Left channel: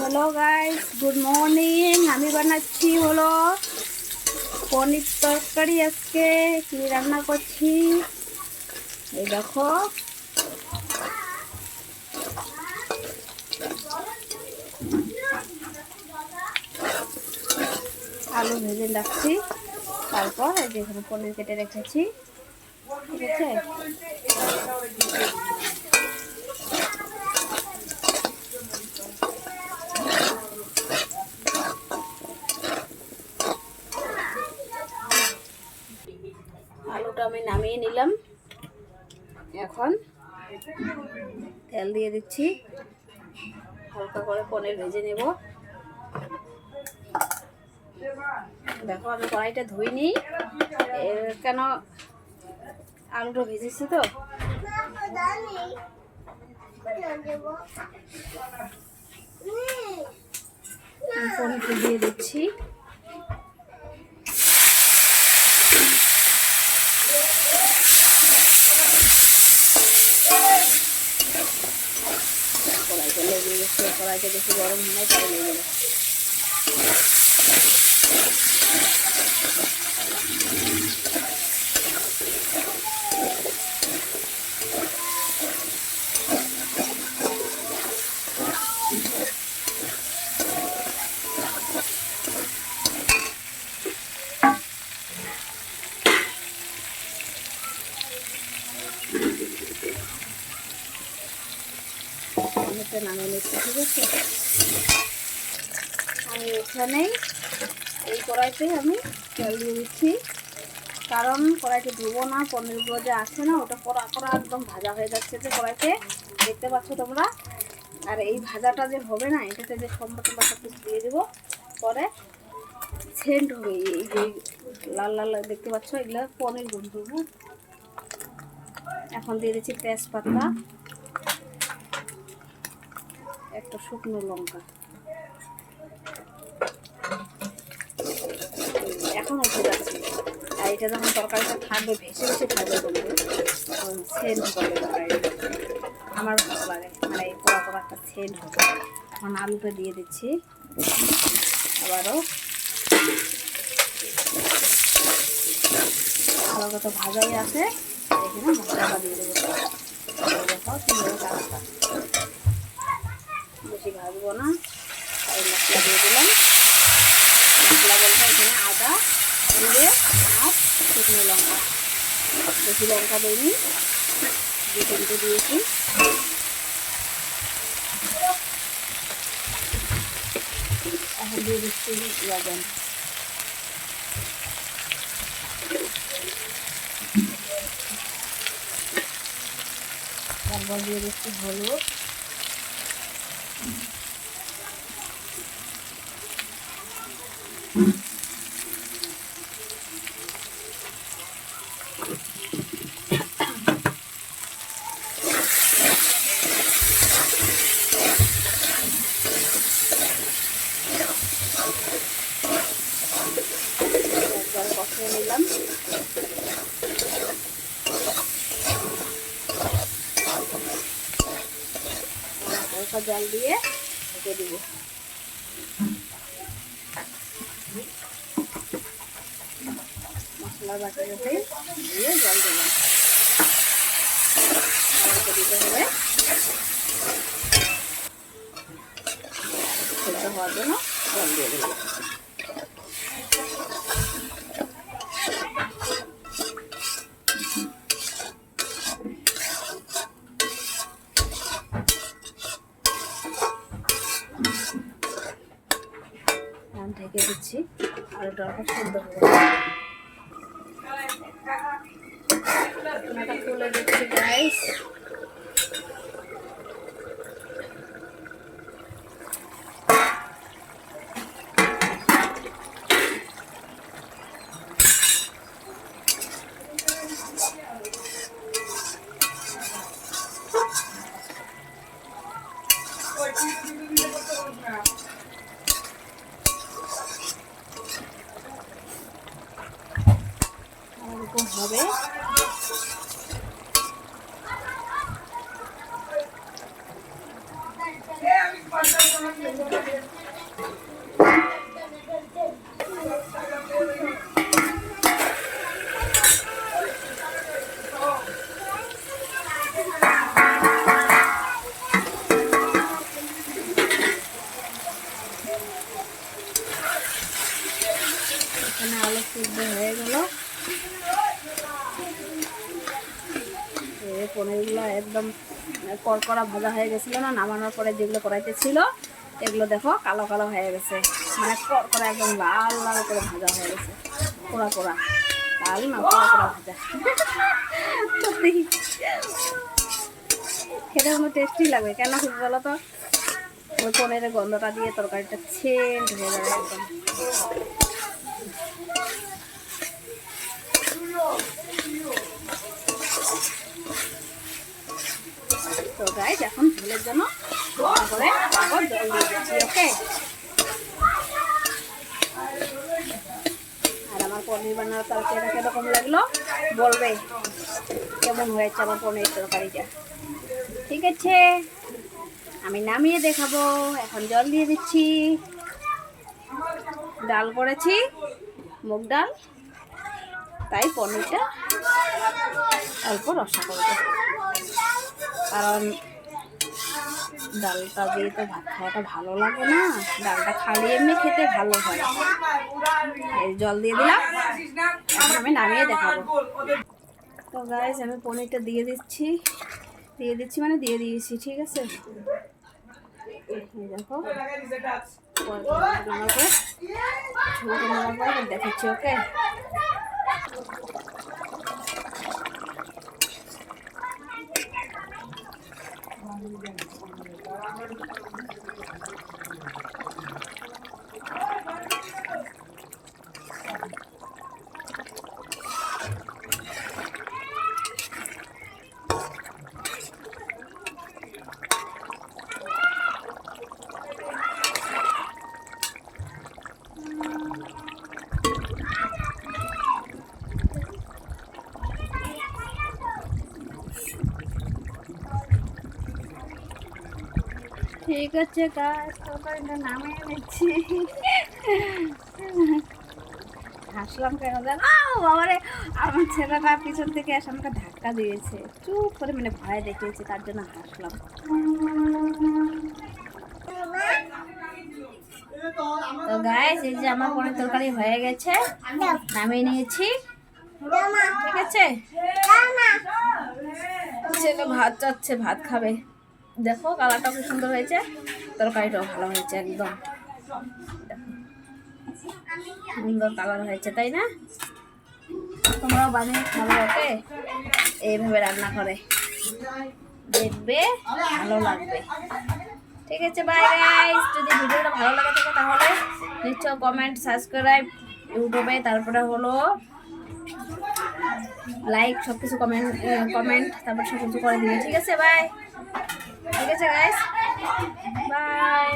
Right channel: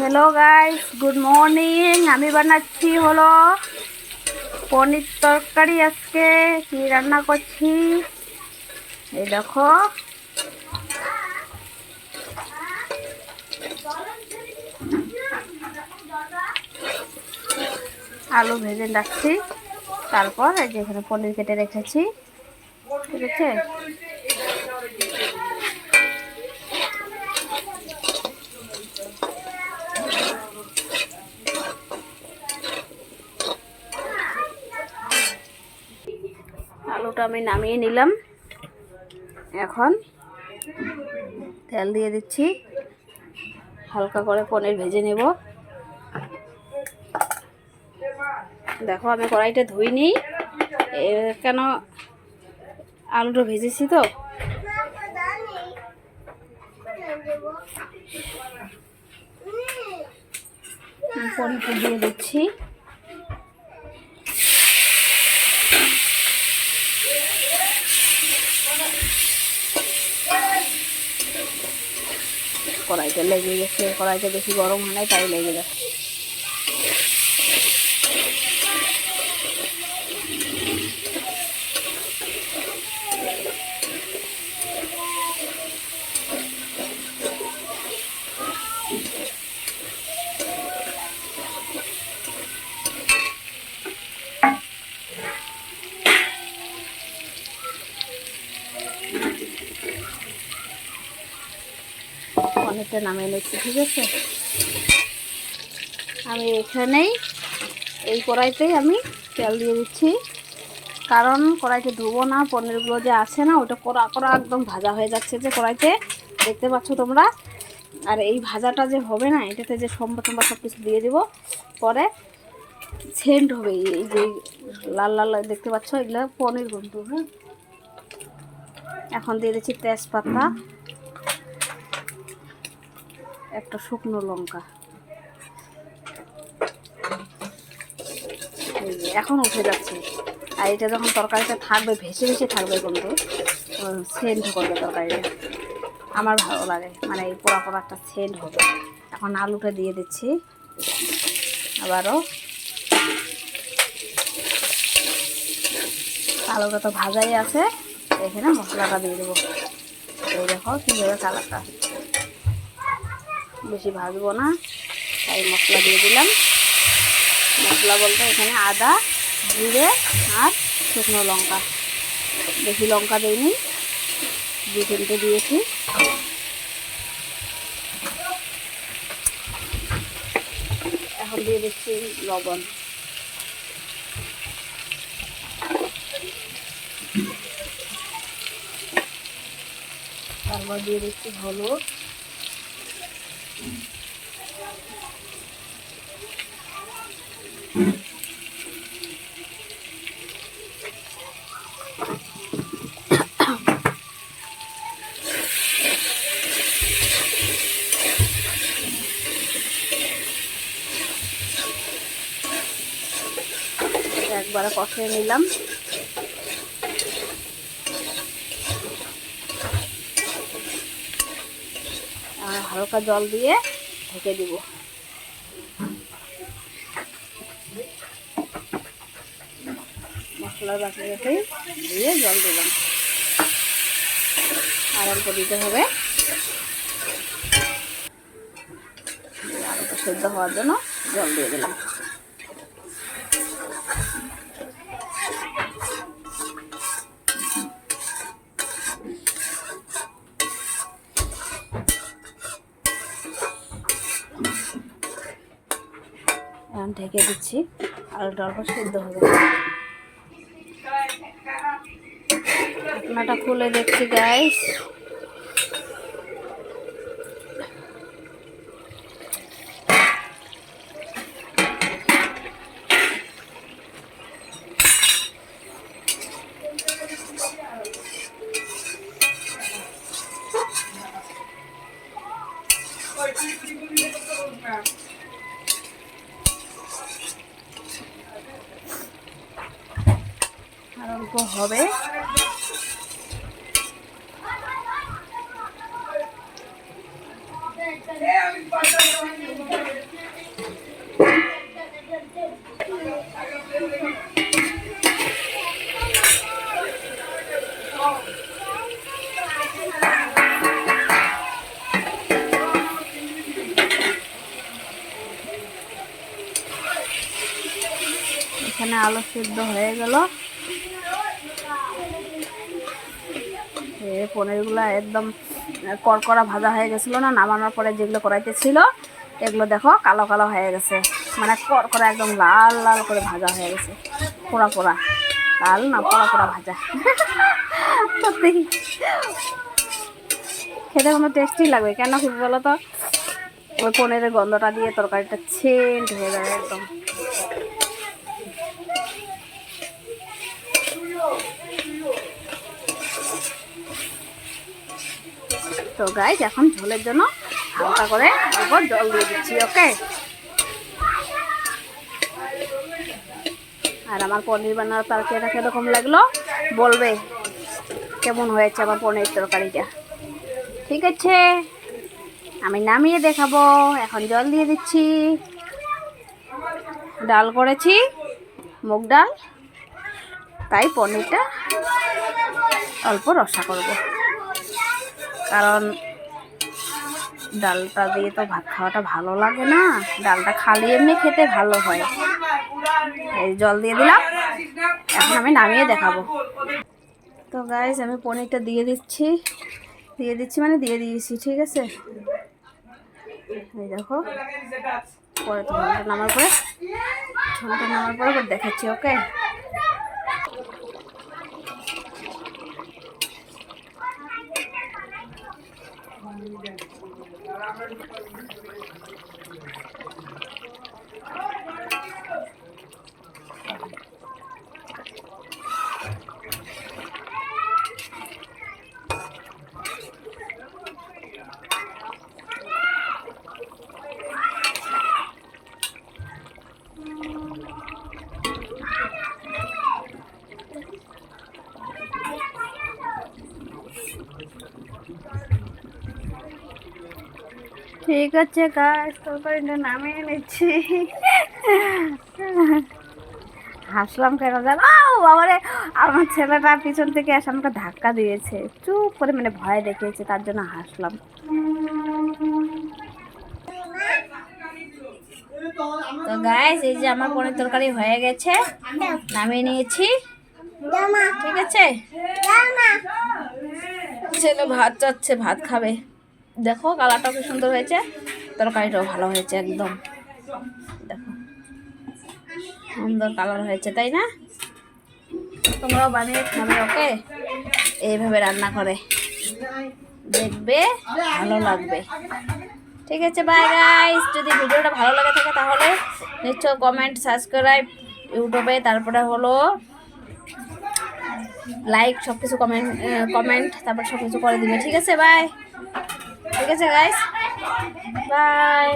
Hello guys, good morning. আমি বানাচ্ছি হলো পনির তরকারি। আজকে কি রান্না করছি এই দেখো। আলু ভেজে রাখছি, তারপর এই যে এখানে পনির কেটে রেখেছি, ঠিক আছে। আলুটা আমি নামিয়ে নিলাম, এখন তেল দিয়ে দিচ্ছি, হালকা করে পনির ভেজে নেব। দেখো আমি কড়াইটা ধুইনি, কেন আলুটা ভেজেছি তো। পনিরটা দিয়ে দিচ্ছি, কড়াইটা লেগে গেছে, কড়াইটা বেশি গরম হয় নাই, তাই লেগে গেছে। পনিরটা নামিয়ে নিচ্ছি, ঠিক আছে। আমি এখানেই এই কড়াইতেই আমি তেল দিয়ে দিচ্ছি, কারণ কড়াইতে ধুবো না, পনিরগুলো যে আছে না ওটা কড়া কড়া একদম ভাজা হয়ে যাচ্ছে যে কড়াইতে, দেখতে পাচ্ছ তোমরা। আর এই ভাজাটা যে হবে না, এটাতে যে তোমরা সব কিছু দিয়ে দেবো, পরে সেন্ট হবে। এই যে লাল লাল দেখতে পাচ্ছ, এগুলো পনির বন্ধু। হ্যাঁ, এখন দিয়ে দিচ্ছি তেজপাতা, একটা শুকনো লঙ্কা, এখন উঠে যাচ্ছে। আর এটা যখন তরকারিটা থাকবে, ভেসে ভেসে থাকবে বন্ধু, সেন্ট করবে তরকারিটা, আমার ভালো লাগে, মানে এই পোড়া পোড়া একটা সেন্ট হবে। এখন আলুটা দিয়ে দিচ্ছি, আবারও আলুটা তো ভাজাই আছে, এখানে মশলাটা দিয়ে দেবো। দেখো কীভাবে কালারটা, বেশি ভাজবো না, তাই মশলা দিয়ে দিলাম। মশলা বলতে এখানে আদা, জিরে আর শুকনো লঙ্কা, বেশি লঙ্কা দিইনি, 2-3টে দিয়েছি। এখন দিয়ে দিচ্ছি লবণ, তারপর দিয়ে দিচ্ছি হলুদ, একবারে কষিয়ে নিলাম। হালকা জল দিয়ে ঢেকে দিব। মশলার বাটি রেখে দিয়ে জল দেবেন, আর অল্প দিতে হবে সেদ্ধ হওয়ার জন্য, জল দিয়ে দিলাম। ঢেকে দিচ্ছি, আলুটা অল্প সেদ্ধ হবে। ঢাকনাটা খুলে দেখছি গাইস, আর অল্প হবে। এখানে আলু সিদ্ধ হয়ে গেল। পনিরগুলো একদম কড়কড়া ভাজা হয়ে গেছিলো না, নামানোর পরে যেগুলো কড়াইতে ছিল এগুলো দেখো কালো কালো হয়ে গেছে, মানে কড়কড়া একদম লাল লাল করে ভাজা হয়ে গেছে, পোড়া পোড়া, লাল না পোড়া পোড়া ভাজা। সত্যি খেতে কোনো টেস্টি লাগবে, কেন কি বলো তো, ওই পনিরের গন্ধটা দিয়ে তরকারিটা সেন্ট হয়ে যাবে একদম। তো গাইস এখন ঝোলের জন্য হালকা করে তারপর জল দিয়ে দিচ্ছি। ওকে, আর আমার পনির বানানোর তরকারিটা কীরকম লাগলো বলবে, কেমন হয়েছে আমার পনির তরকারিটা। ঠিক আছে, আমি নামিয়ে দেখাবো। এখন জল দিয়ে দিচ্ছি। ডাল করেছি, মুগ ডাল, তাই পনিরটা অল্প রসা করব, কারণ ডালটা দিয়ে তো ভাত খাওয়াটা ভালো লাগে না, ডালটা খালি এমনি খেতে ভালো হয়। এই জল দিয়ে দিলাম, এখন আমি নামিয়ে দেখাবো। তো গাইস আমি পনিরটা দিয়ে দিচ্ছি মানে দিয়ে দিয়েছি। ঠিক আছে, এই দেখো পরে ঝোলটা নামার পরে দেখাচ্ছি। ওকে, ঠিক আছে গাইস, তরকারিটা নামিয়ে নিচ্ছি। হাসলাম কেন জানো বাবারে, আমার ছেলেটা পিছন থেকে এসে আমাকে ধাক্কা দিয়েছে, চুপ করে মানে ভয় দেখিয়েছে, তার জন্য হাসলাম। তো গাইস এই যে আমার পনির তরকারি হয়ে গেছে, নামিয়ে নিয়েছি। ঠিক আছে, ছেলে ভাত চাচ্ছে, ভাত খাবে। দেখো কালারটাও খুব সুন্দর হয়েছে, তরকারিটাও ভালো হয়েছে, একদম দেখো সুন্দর কালার হয়েছে, তাই না? তোমরাও বানিয়ে খাবে। ওকে, এইভাবে রান্না করে দেখবে, ভালো লাগবে। ঠিক আছে, বাই গাইস। যদি ভিডিওটা ভালো লাগে থাকে তাহলে নিশ্চয় কমেন্ট, সাবস্ক্রাইব ইউটিউবে, তারপরে হলো লাইক, সব কিছু কমেন্ট তারপর সব কিছু করে দিবে। ঠিক আছে, বাই। ঠিক আছে গাইস, বাই।